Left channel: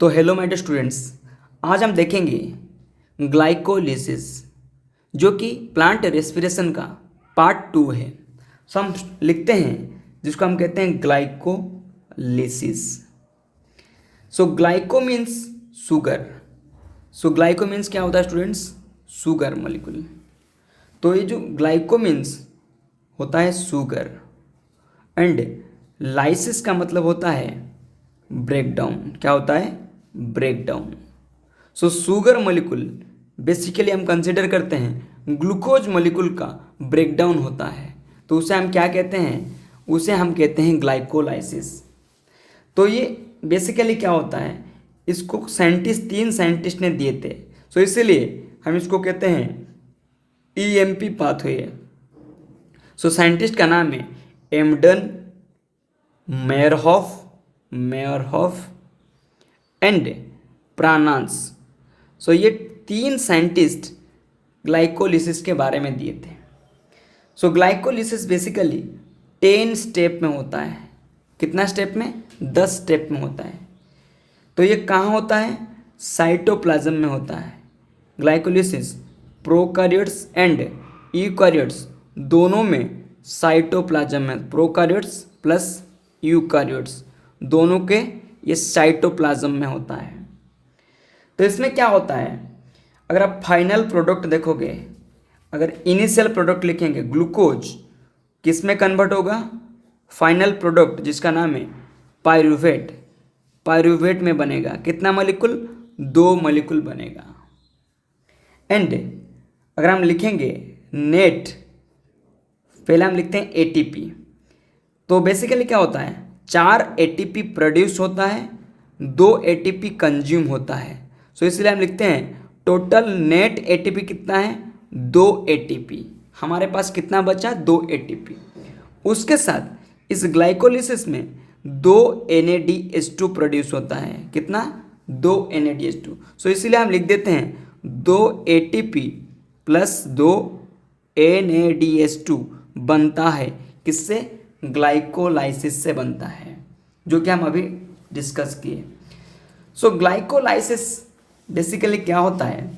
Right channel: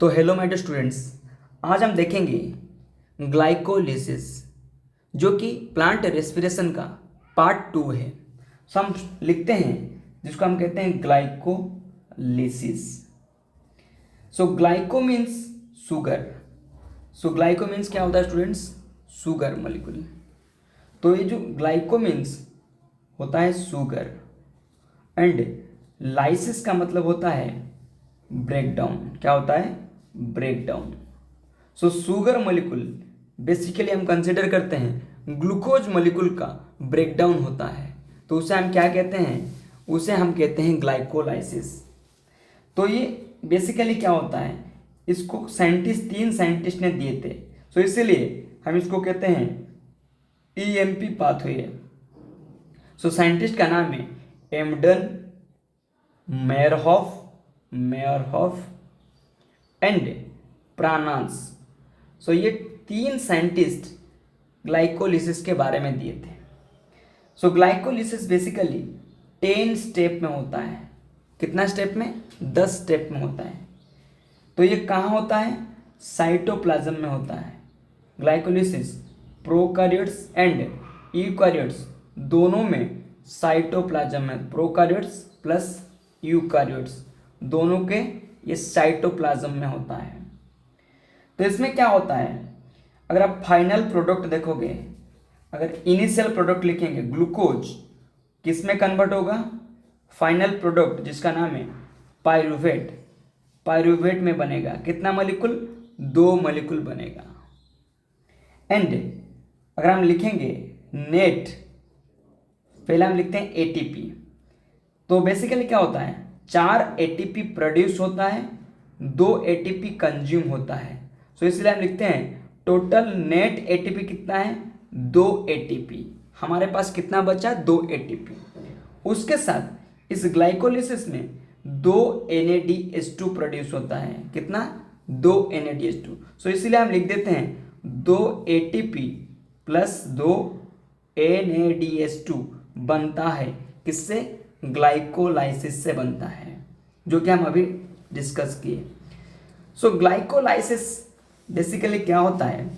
तो hello my dear students, आज हम देखेंगे ग्लाइकोलिसिस जो कि प्लांट रेस्पिरेशन का पार्ट 2 है। सो हम लिखते हैं जिसको हम कहते हैं ग्लाइकोलिसिस। सो ग्लाइको मीन्स शुगर। सो ग्लाइको मीन्स क्या होता है स्टूडेंट्स? Sugar molecule. तो ये जो ग्लाइको मीन्स होता है शुगर एंड लाइसिस का मतलब होता है ब्रेक डाउन। क्या होता है? Break down. So sugar molecule basically हम कंसिडर करते हैं ग्लूकोज मॉलिक्यूल का ब्रेक डाउन होता है, तो उसे हम क्या कहते हैं? उसे हम कहते हैं ग्लाइकोलाइसिस। तो ये बेसिकली क्या होता है, इसको तीन साइंटिस्ट ने दिए थे। सो इसीलिए हम इसको कहते हैं ईएमपी पाथवे। सो साइंटिस्ट का नाम है एमडन, मेयरहॉफ एंड प्रानांस। सो ये तीन साइंटिस्ट ग्लाइकोलिसिस के बारे में दिए थे। सो ग्लाइकोलिसिस बेसिकली 10 स्टेप में होता है। कितना स्टेप में? 10 स्टेप में होता है। तो ये कहाँ होता है? साइटोप्लाज्म में होता है। ग्लाइकोलिसिस प्रोकार्योट्स एंड यूकार्योट्स दोनों में साइटोप्लाज्म में, प्रोकार्योट्स प्लस यूकार्योट्स दोनों के ये साइटोप्लाज्म में होता है। तो इसमें क्या होता है, अगर आप फाइनल प्रोडक्ट देखोगे, अगर इनिशियल प्रोडक्ट लिखेंगे ग्लूकोज किस में कन्वर्ट होगा? फाइनल प्रोडक्ट जिसका नाम है पायरूवेट, पायरूवेट में बनेगा। कितना मॉलिक्यूल? 2 मॉलिक्यूल बनेगा। एंड अगर हम लिखेंगे नेट, पहले हम लिखते हैं एटीपी। तो बेसिकली क्या होता है, 4 एटीपी प्रोड्यूस होता है, 2 एटीपी कंज्यूम होता है। सो इसलिए हम लिखते हैं टोटल नेट एटीपी कितना है? 2 एटीपी। हमारे पास कितना बचा? 2 एटीपी। उसके साथ इस ग्लाइकोलिसिस में 2 NADH2 प्रोड्यूस होता है। कितना? 2 NADH2। सो इसीलिए हम लिख देते हैं 2 ATP प्लस 2 NADH2 बनता है। किससे? ग्लाइकोलाइसिस से बनता है, जो कि हम अभी डिस्कस किए। सो ग्लाइकोलाइसिस बेसिकली क्या होता है,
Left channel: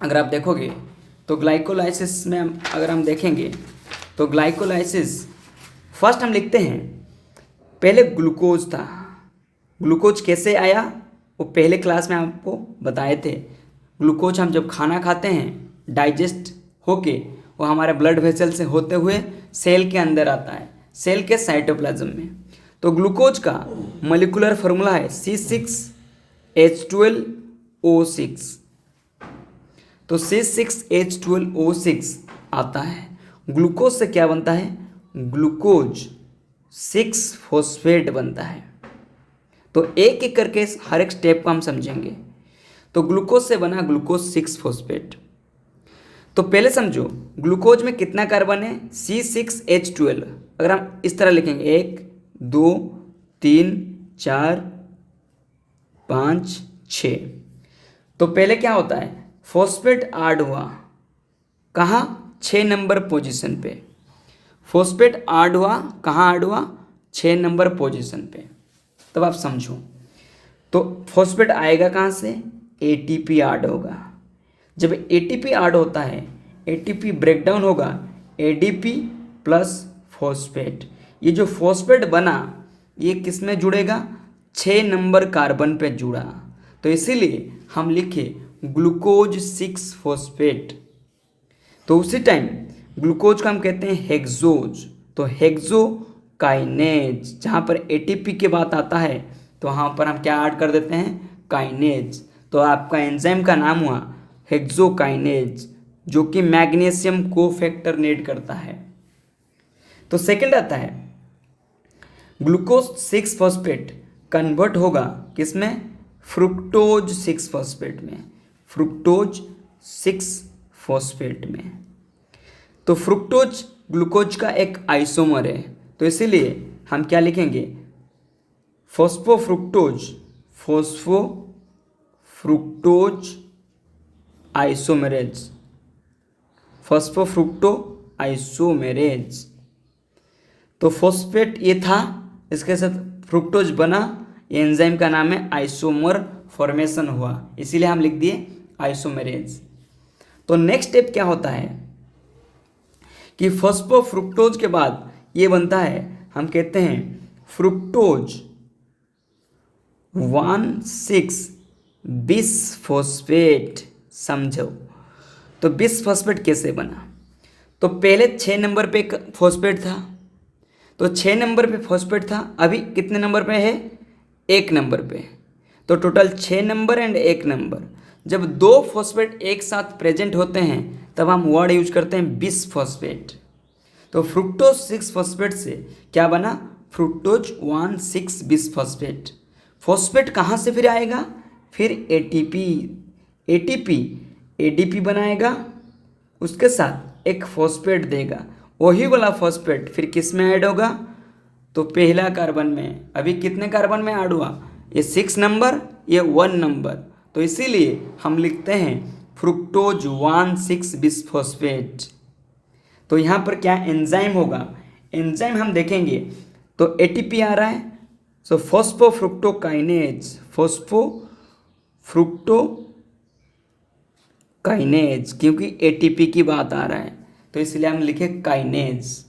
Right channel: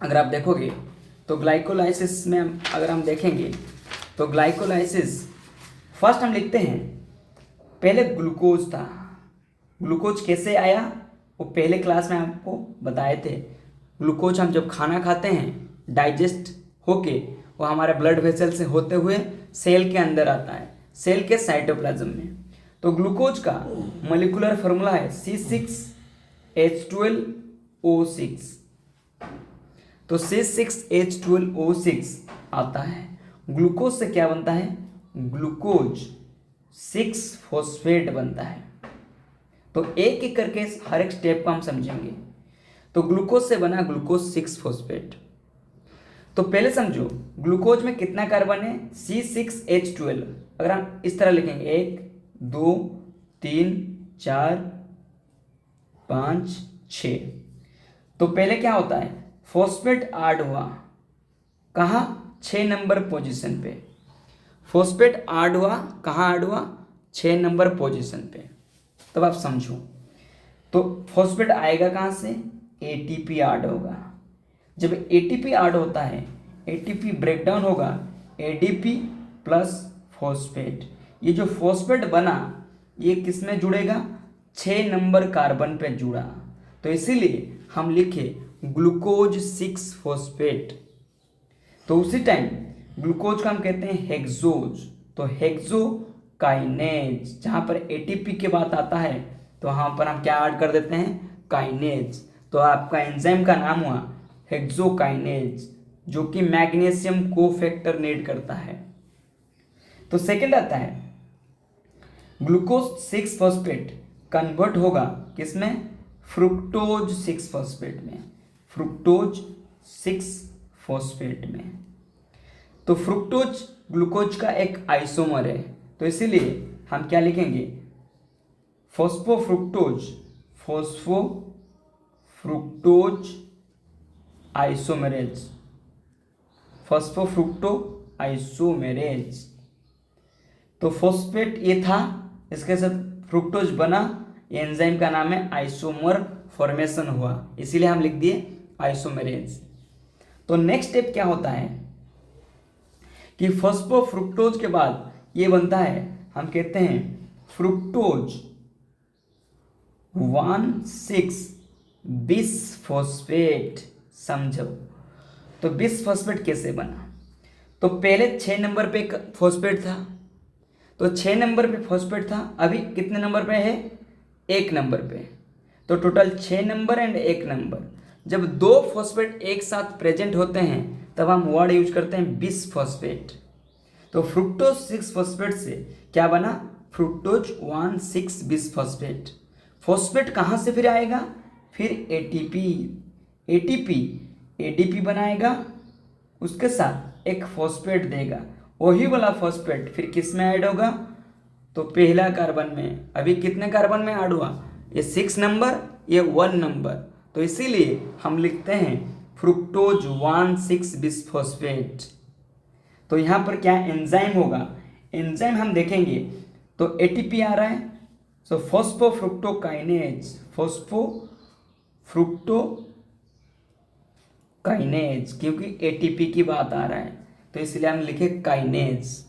अगर आप देखोगे तो ग्लाइकोलाइसिस में अगर हम देखेंगे तो ग्लाइकोलाइसिस फर्स्ट हम लिखते हैं, पहले ग्लूकोज था। ग्लूकोज कैसे आया वो पहले क्लास में आपको बताए थे। ग्लूकोज हम जब खाना खाते हैं डाइजेस्ट होके वो हमारे ब्लड वेसल से होते हुए सेल के अंदर आता है, सेल के साइटोप्लाज्म में। तो ग्लूकोज का मॉलिक्यूलर फार्मूला है C6H12O6। तो C6H12O6 आता है। ग्लूकोज से क्या बनता है? ग्लूकोज 6 फॉस्फेट बनता है। तो एक एक करके हर एक स्टेप को हम समझेंगे। तो ग्लूकोज से बना ग्लूकोज 6 फॉस्फेट। तो पहले समझो ग्लूकोज में कितना कार्बन है? C6H12। अगर हम इस तरह लिखेंगे 1 2 3 4 5 6। तो पहले क्या होता है, फॉस्फेट ऐड हुआ। कहाँ? 6 नंबर पोजीशन पे। फॉस्फेट ऐड हुआ, कहाँ ऐड हुआ? 6 नंबर पोजीशन पे। तब आप समझो, तो फॉस्फेट आएगा कहाँ से? एटीपी ऐड होगा। जब एटीपी ऐड होता है, एटीपी ब्रेक डाउन होगा, एडीपी प्लस फॉस्फेट। ये जो फॉस्फेट बना ये किस में जुड़ेगा? 6 नंबर कार्बन पे जुड़ा। तो इसीलिए हम लिखे ग्लूकोज 6 फॉस्फेट। तो उसी टाइम ग्लूकोज को हम कहते हैं हेक्सोज। तो हेक्सोकाइनेज, जहाँ पर एटीपी की बात आता है तो वहाँ पर हम क्या ऐड कर देते हैं? काइनेज। तो आपका एंजाइम का नाम हुआ हेक्सोकाइनेज, जो कि मैग्नीशियम कोफैक्टरनेट करता है। तो सेकंड आता है ग्लूकोज 6 फॉस्फेट कन्वर्ट होगा किसमें? फ्रुक्टोज 6 फॉस्फेट में। फ्रुक्टोज 6 फॉस्फेट में। तो फ्रुक्टोज ग्लूकोज का एक आइसोमर है, तो इसीलिए हम क्या लिखेंगे? फॉस्फोफ्रुक्टोज, फॉस्फोफ्रुक्टोज आइसोमेरेज, फॉस्फोफ्रुक्टो आइसोमेरेज। तो फॉस्फेट ये था, इसके साथ फ्रुक्टोज बना, एंजाइम का नाम है आइसोमर फॉर्मेशन हुआ, इसीलिए हम लिख दिए आइसोमेरेज। तो नेक्स्ट स्टेप क्या होता है कि फॉस्फोफ्रुक्टोज के बाद ये बनता है, हम कहते हैं फ्रुक्टोज 1,6 बिसफॉस्फेट। समझो तो बिसफॉस्फेट कैसे बना। तो पहले 6 नंबर पे एक फॉस्फेट था, तो 6 नंबर पे फॉस्फेट था, अभी कितने नंबर पे है, 1 नंबर पे। तो टोटल 6 नंबर एंड 1 नंबर। जब 2 फॉस्फेट एक साथ प्रेजेंट होते हैं तब हम वर्ड यूज करते हैं बिसफॉस्फेट। तो फ्रुक्टोज 6 फॉस्फेट से क्या बना, फ्रुक्टोज 1,6 बिसफॉस्फेट। फॉस्फेट कहाँ से फिर आएगा, फिर एटीपी, एडीपी बनाएगा, उसके साथ एक फॉस्फेट देगा, वही वाला फॉस्फेट फिर किस में ऐड होगा, तो पहला कार्बन में। अभी कितने कार्बन में ऐड हुआ, ये 6 नंबर, ये 1 नंबर, तो इसीलिए हम लिखते हैं फ्रुक्टोज 1,6 बिसफॉस्फेट। तो यहाँ पर क्या एंजाइम होगा, एंजाइम हम देखेंगे तो एटीपी आ रहा है, सो फॉस्फोफ्रुक्टोकाइनेज, फॉस्फोफ्रुक्टोकाइनेज, क्योंकि एटीपी की बात आ रहा है तो इसलिए हम लिखे काइनेज।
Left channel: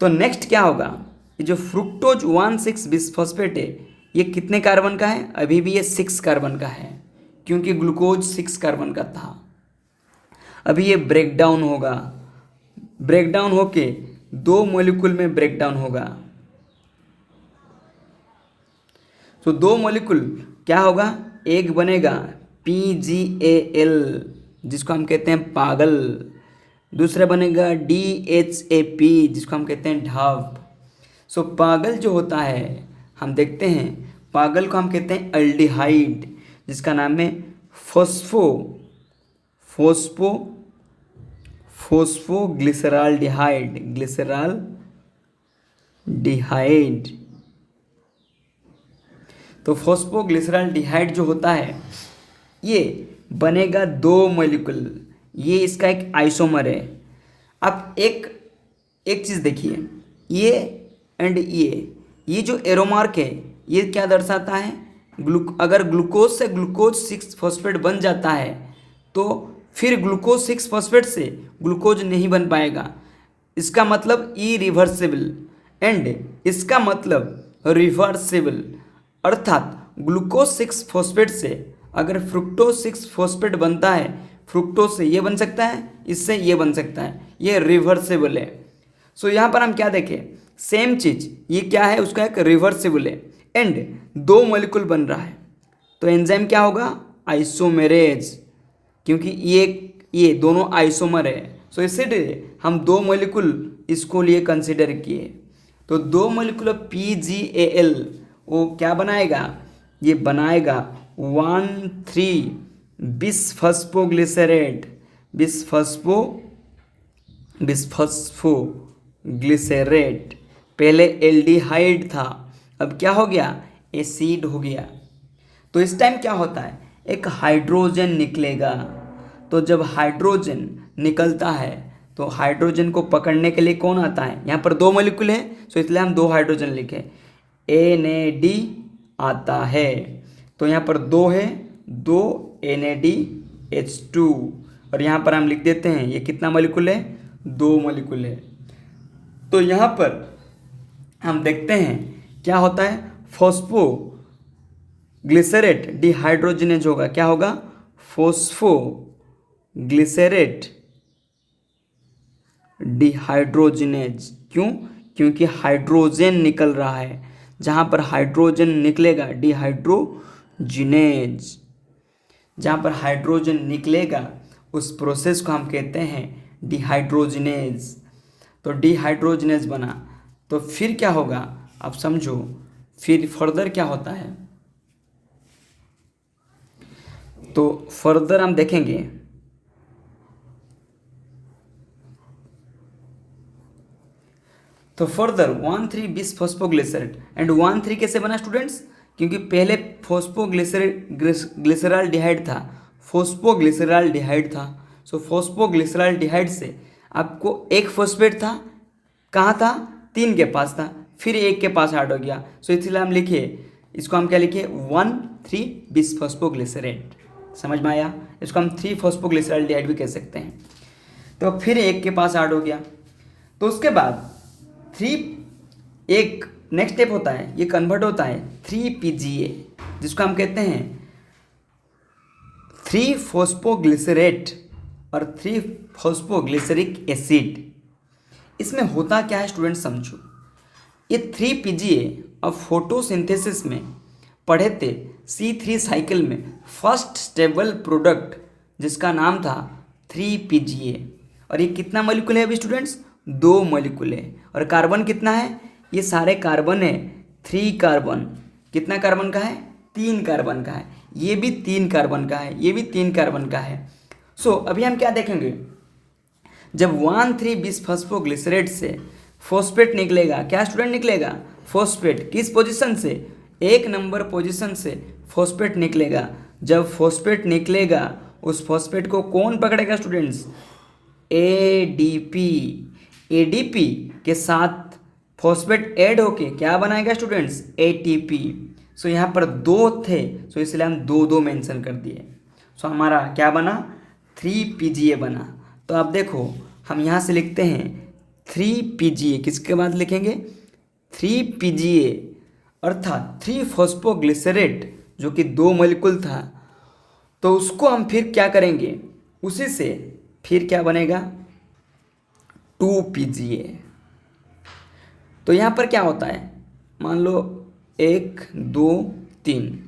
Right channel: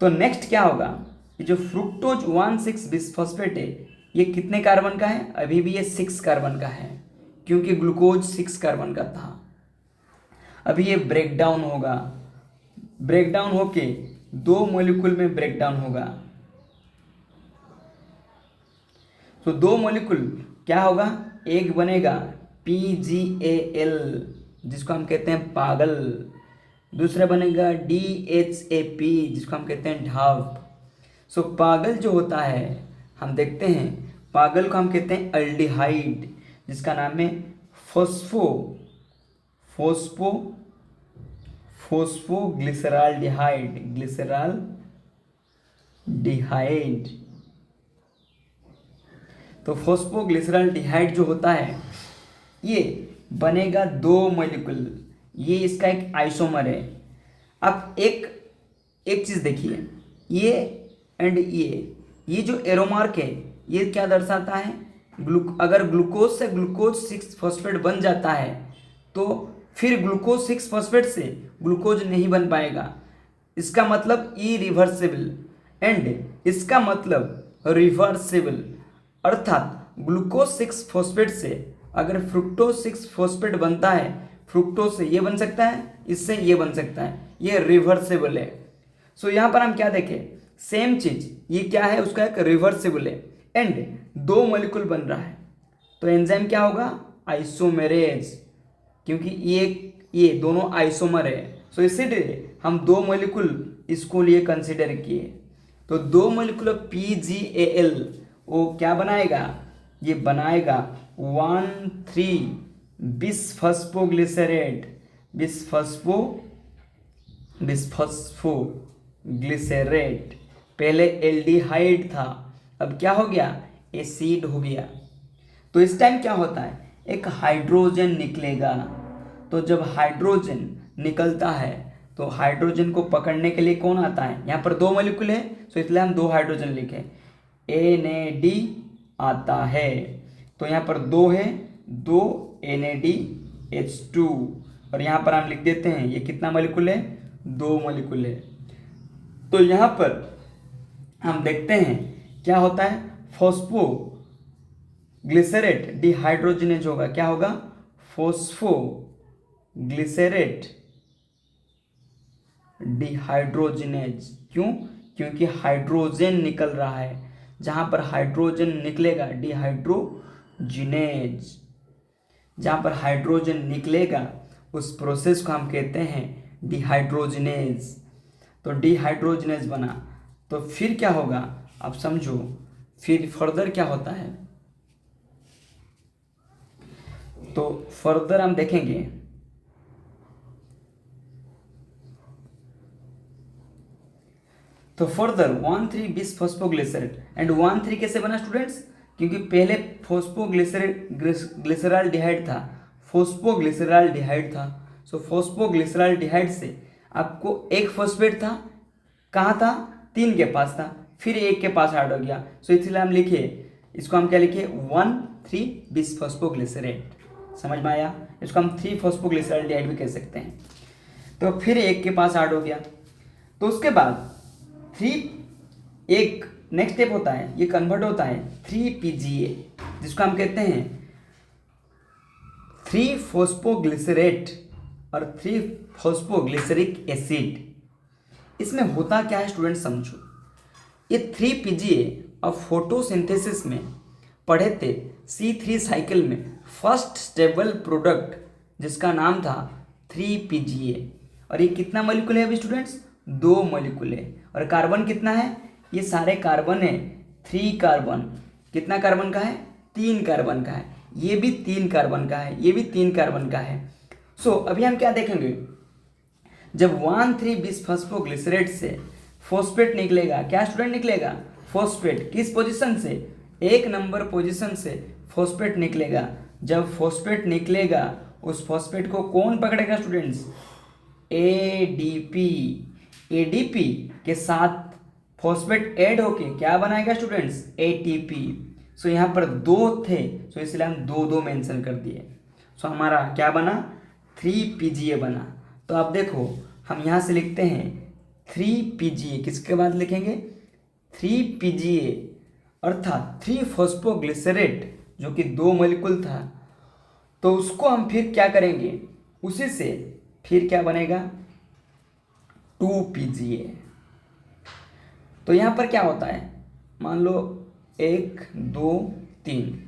तो नेक्स्ट क्या होगा, ये जो फ्रुक्टोज 1,6 बिसफॉस्फेट है ये कितने कार्बन का है, अभी भी ये 6 कार्बन का है, क्योंकि ग्लूकोज 6 कार्बन का था। अभी ये ब्रेकडाउन होगा, ब्रेकडाउन होके 2 मॉलिक्यूल में ब्रेकडाउन होगा। तो 2 मॉलिक्यूल क्या होगा, एक बनेगा PgAl जिसको हम कहते हैं पागल, दूसरा बनेगा DHAP जिसको हम कहते हैं ढाप। सो पागल जो होता है, हम देखते हैं पागल को हम कहते हैं अल्डिहाइड, जिसका नाम है ग्लिसराल्डिहाइड। तो फॉस्फोग्लिसराल्डिहाइड जो होता है ये बनेगा 2 मॉलिक्यूल, ये इसका एक आइसोमर है। अब एक चीज़ देखिए, ये एंड ये जो एरो मार्क है ये क्या दर्शाता है, अगर ग्लूकोज से ग्लूकोज 6 फॉस्फेट बन जाता है तो फिर ग्लूकोज 6 फॉस्फेट से ग्लूकोज नहीं बन पाएगा, इसका मतलब इरिवर्सिबल, एंड इसका मतलब रिवर्सिबल। अर्थात ग्लूकोज 6 फॉस्फेट से अगर फ्रुक्टोज 6 फॉस्फेट बनता है, फ्रुक्टोज से ये बन सकता है, इससे ये बन सकता है, ये रिवर्सिबल है। सो यहाँ पर हम क्या देखें, सेम चीज़, ये क्या है, उसका एक रिवर्सिबल है एंड 2 मॉलिक्यूल बन रहा है, तो एंजाइम क्या होगा, आइसोमेरेज, क्योंकि ये दोनों आइसोमर है। सो इसीलिए हम 2 मॉलिक्यूल इसको लिए कंसिडर किए। तो 2 मॉलिक्यूल PgAl वो क्या बनाएगा, ये बनाएगा 1,3 बिसफॉस्फोग्लिसरेट, बिसफॉस्फोग्लिसरेट। पहले एल्डिहाइड था, अब क्या हो गया, एसिड हो गया। तो इस टाइम क्या होता है, एक हाइड्रोजन निकलेगा। तो जब हाइड्रोजन निकलता है तो हाइड्रोजन को पकड़ने के लिए कौन आता है, यहाँ पर 2 मॉलिक्यूल है तो इसलिए हम 2 हाइड्रोजन लिखे, NAD आता है। तो यहाँ पर 2 है, 2 NADH2, और यहाँ पर हम लिख देते हैं ये कितना मॉलिक्यूल है, 2 मॉलिक्यूल है। तो यहाँ पर हम देखते हैं क्या होता है, फॉस्फोग्लिसरेट डिहाइड्रोजिनेज होगा, क्या होगा, फॉस्फोग्लिसरेट डिहाइड्रोजिनेज। क्यों, क्योंकि हाइड्रोजन निकल रहा है, जहाँ पर हाइड्रोजन निकलेगा डिहाइड्रोजिनेज, जहाँ पर हाइड्रोजन निकलेगा उस प्रोसेस को हम कहते हैं डिहाइड्रोजिनेज। तो डिहाइड्रोजिनेज बना, तो फिर क्या होगा, आप समझो, फिर फर्दर क्या होता है। तो फर्दर हम देखेंगे, तो फर्दर 1,3 बिसफॉस्फोग्लिसरेट एंड 1,3 कैसे बना स्टूडेंट्स, क्योंकि पहले फॉस्फोग्लिसराल्डिहाइड था, सो फॉस्फोग्लिसराल्डिहाइड से आपको एक फॉस्फेट था, कहाँ था, 3 के पास था, फिर 1 के पास ऐड हो गया। सो इसलिए हम लिखे इसको हम क्या लिखे 1,3-बिसफॉस्फोग्लिसरेट। समझ में आया? इसको हम 3-फॉस्फोग्लिसराल्डिहाइड भी कह सकते हैं। तो फिर एक के पास ऐड हो गया। तो उसके बाद एक नेक्स्ट स्टेप होता है, ये कन्वर्ट होता है 3PGA, जिसको हम कहते हैं 3-फॉस्फोग्लिसरेट और 3-फॉस्फोग्लिसरिक एसिड। इसमें होता क्या है स्टूडेंट समझो। ये 3PGA और फोटोसिंथेसिस में पढ़े थे C3 साइकिल में फर्स्ट स्टेबल प्रोडक्ट जिसका नाम था 3PGA। और ये कितना मॉलिक्यूल है अभी स्टूडेंट्स? 2 मॉलिक्यूल है। और कार्बन कितना है? ये सारे कार्बन है 3 कार्बन। कितना कार्बन का है? 3 कार्बन का है। ये भी 3 कार्बन का है, ये भी 3 कार्बन का है। सो अभी हम क्या देखेंगे, जब 1,3-बिसफॉस्फोग्लिसरेट से फॉस्फेट निकलेगा, क्या स्टूडेंट निकलेगा? फॉस्फेट। किस पोजीशन से? 1 नंबर पोजीशन से फॉस्फेट निकलेगा। जब फॉस्फेट निकलेगा उस फॉस्फेट को कौन पकड़ेगा स्टूडेंट्स? एडीपी। एडीपी के साथ फॉस्फेट ऐड होके क्या बनाएगा स्टूडेंट्स? एटीपी। सो यहाँ पर 2 थे, सो इसलिए हम 2 मेंशन कर दिए। सो हमारा क्या बना? 3PGA बना। तो आप देखो हम यहाँ से लिखते हैं 3PGA, किसके बाद लिखेंगे? 3PGA अर्थात 3-फॉस्फोग्लिसरेट, जो कि 2 मॉलिक्यूल था। तो उसको हम फिर क्या करेंगे? उसी से फिर क्या बनेगा? 2PGA। तो यहाँ पर क्या होता है, मान लो 1 2 3,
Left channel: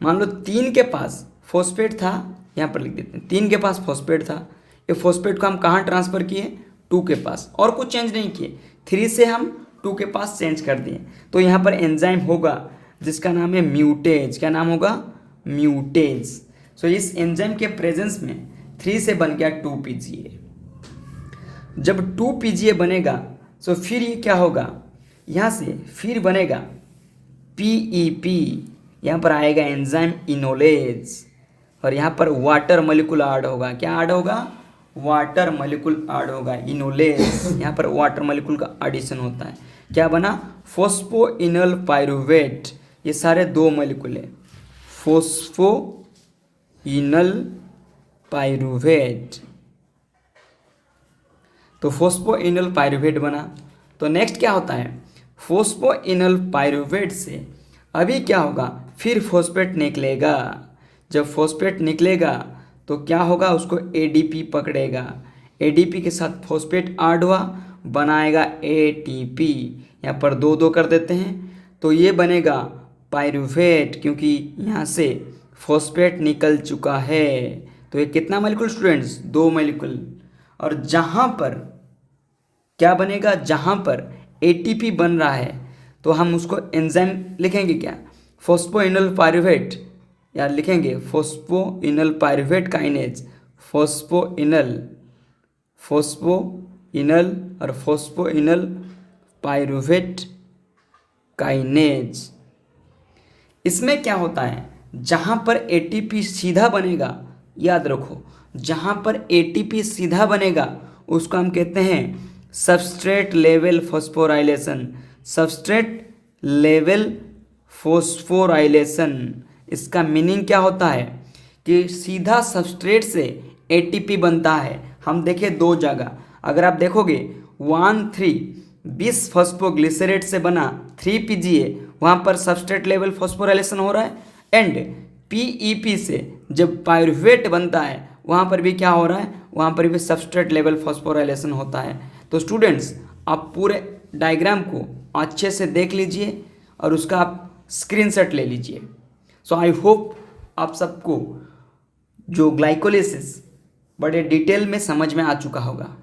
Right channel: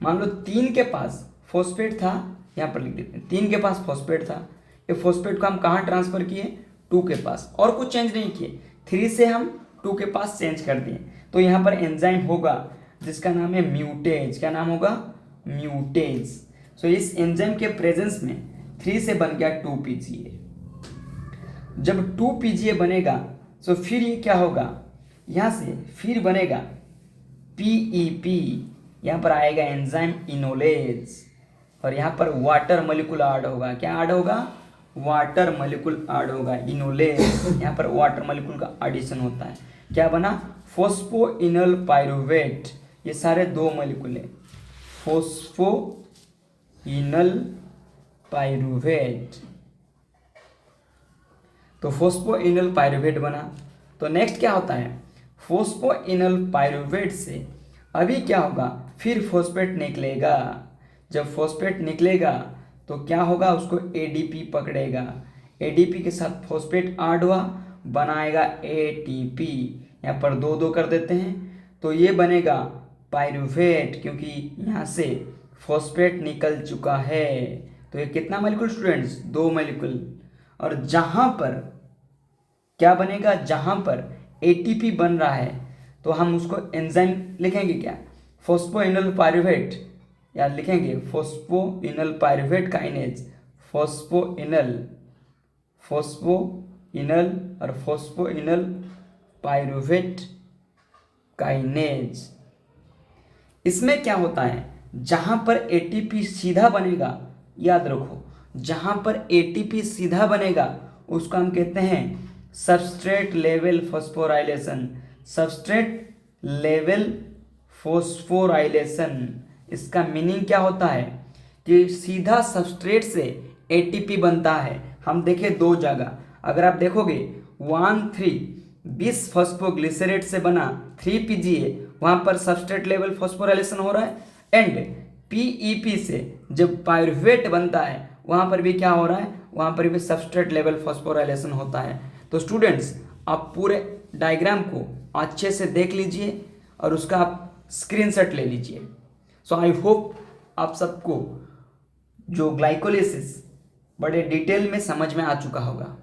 मान लो 3 के पास फॉस्फेट था, यहाँ पर लिख देते हैं 3 के पास फॉस्फेट था। ये फॉस्फेट को हम कहाँ ट्रांसफ़र किए? 2 के पास, और कुछ चेंज नहीं किए। 3 से हम 2 के पास चेंज कर दिए। तो यहाँ पर एंजाइम होगा जिसका नाम है म्यूटेज। क्या नाम होगा? म्यूटेज। सो इस एंजाइम के प्रेजेंस में 3 से बन गया 2PGA। जब 2PGA बनेगा तो फिर ये क्या होगा, यहाँ से फिर बनेगा PEP। यहाँ पर आएगा एंजाइम इनोलेज, और यहाँ पर वाटर मॉलिक्यूल ऐड होगा। क्या ऐड होगा? वाटर मॉलिक्यूल ऐड होगा, इनोलेज। यहाँ पर वाटर मॉलिक्यूल का एडिशन होता है। क्या बना? फॉस्फोइनल पाइरुवेट। ये सारे 2 मॉलिक्यूल है, फॉस्फोइनल पाइरुवेट। तो फॉस्फोइनल पाइरुवेट बना। तो नेक्स्ट क्या होता है, फॉस्फोइनल पाइरुवेट से अभी क्या होगा, फिर फॉस्फेट निकलेगा। जब फॉस्फेट निकलेगा तो क्या होगा, उसको एडीपी पकड़ेगा। एडीपी के साथ फॉस्फेट ऐड हुआ, बनाएगा एटीपी। यहाँ पर 2 कर देते हैं, तो ये बनेगा पाइरुवेट, क्योंकि यहाँ से फॉस्फेट निकल चुका है। तो ये कितना मॉलिक्यूल स्टूडेंट्स? 2 मॉलिक्यूल। और जहाँ पर क्या बनेगा, जहाँ पर एटीपी बन रहा है, तो हम उसको एंजाइम लिखेंगे क्या? फॉस्फोइनल पाइरुवेट, या लिखेंगे फॉस्फोइनल पाइरुवेट काइनेज। फॉस्फोइनल और फॉस्फोइनल पाइरुवेट काइनेज। इसमें क्या होता है, जहाँ पर एटीपी सीधा बनेगा, याद रखो, जहाँ पर एटीपी सीधा बनेगा उसको हम कहते हैं substrate level phosphorylation. Substrate level phosphorylation, इसका मीनिंग क्या होता है कि सीधा सबस्ट्रेट से एटीपी बनता है। हम देखें 2 जगह, अगर आप देखोगे 1,3-बिसफॉस्फोग्लिसरेट से बना 3PGA, वहाँ पर सबस्ट्रेट लेवल फॉस्फोराइलेशन हो रहा है। एंड PEP से जब पाइरुवेट बनता है वहाँ पर भी क्या हो रहा है, वहाँ पर भी सबस्ट्रेट लेवल फॉस्फोराइलेशन होता है। तो स्टूडेंट्स आप पूरे डायग्राम को अच्छे से देख लीजिए और उसका आप स्क्रीनशॉट ले लीजिए। सो आई होप आप सबको जो ग्लाइकोलिसिस बड़े डिटेल में समझ में आ चुका होगा।